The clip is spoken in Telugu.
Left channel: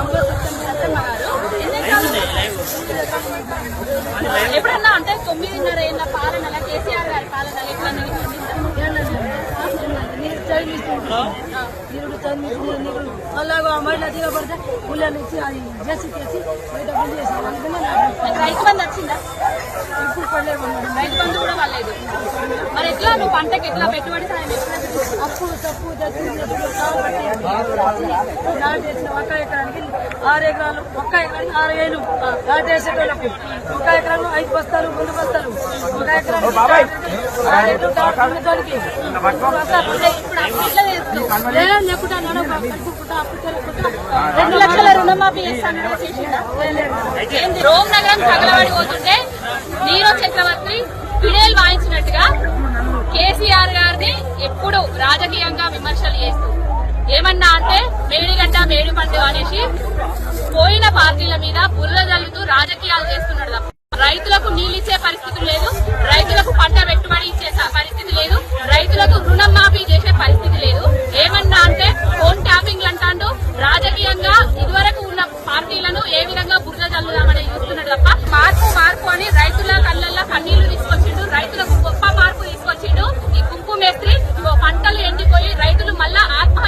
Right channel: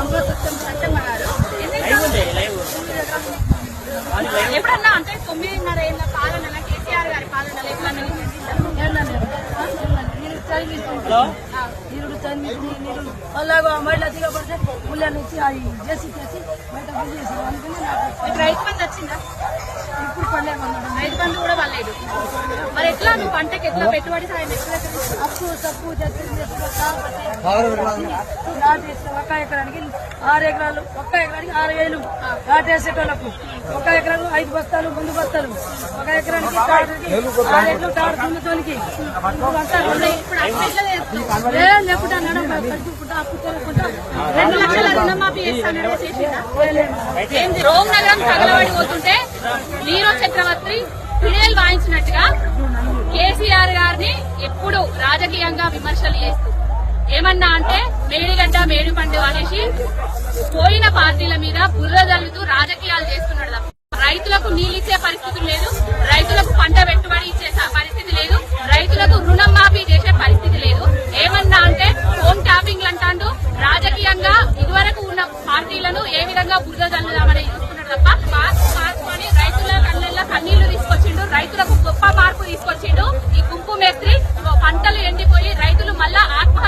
మంగళ సత్యం సత్యమ్మ గారు ఎన్ని ఎకరాలు? తొమ్మిది ఎకరాలు ఉన్నాయి. ఎప్పుడన్నా అంటే తొమ్మిదిన్నర ఏళ్ళ పాలన కేసీఆర్ గారి పాలన ఎప్పుడన్నా రైతు బంధు వచ్చిందా రైతు బంధు కూడా పర్లేదు మరి ఎట్లా నువ్వు పంటకి ఎట్లా పెట్టుబడి సాయం ఎవరి దగ్గర తీసుకున్నావు? అప్పు తప్పు నాటేసిన ఒక్క ఎకరానికి ఆరు ఎకరాలు ఒక్క ఎకరానికి ఆరు వేలు నాటేసేటోళ్ళకు ఒక ఎకరాలు ఐదు బస్తాలు రెండు బస్తాలు. ఒక ఎకరానికి ఆరు తాడు రెండు అప్పు లక్షల రుణమాఫీ చేస్తాను? రోమ్ నగరం తగలబడి పోతుంటే నీరో చక్రవర్తి పిడేలు వాయించినట్టుగా కేసీఆర్ గారిని ఎప్పుడు రాజకీయంగా విమర్శలు చేస్తూ ఏమన్నా అంటే మేడిగడ్డ మేడి పండు అనేసి పోయిన పార్టీల మీద బుర్ర జల్లుతూ రాజకీయాలు చేస్తున్నాడు తప్ప చెరుకు మేస్త్రి పంటలు ఎండిపోయి రైతులు మళ్ళా ఆత్మ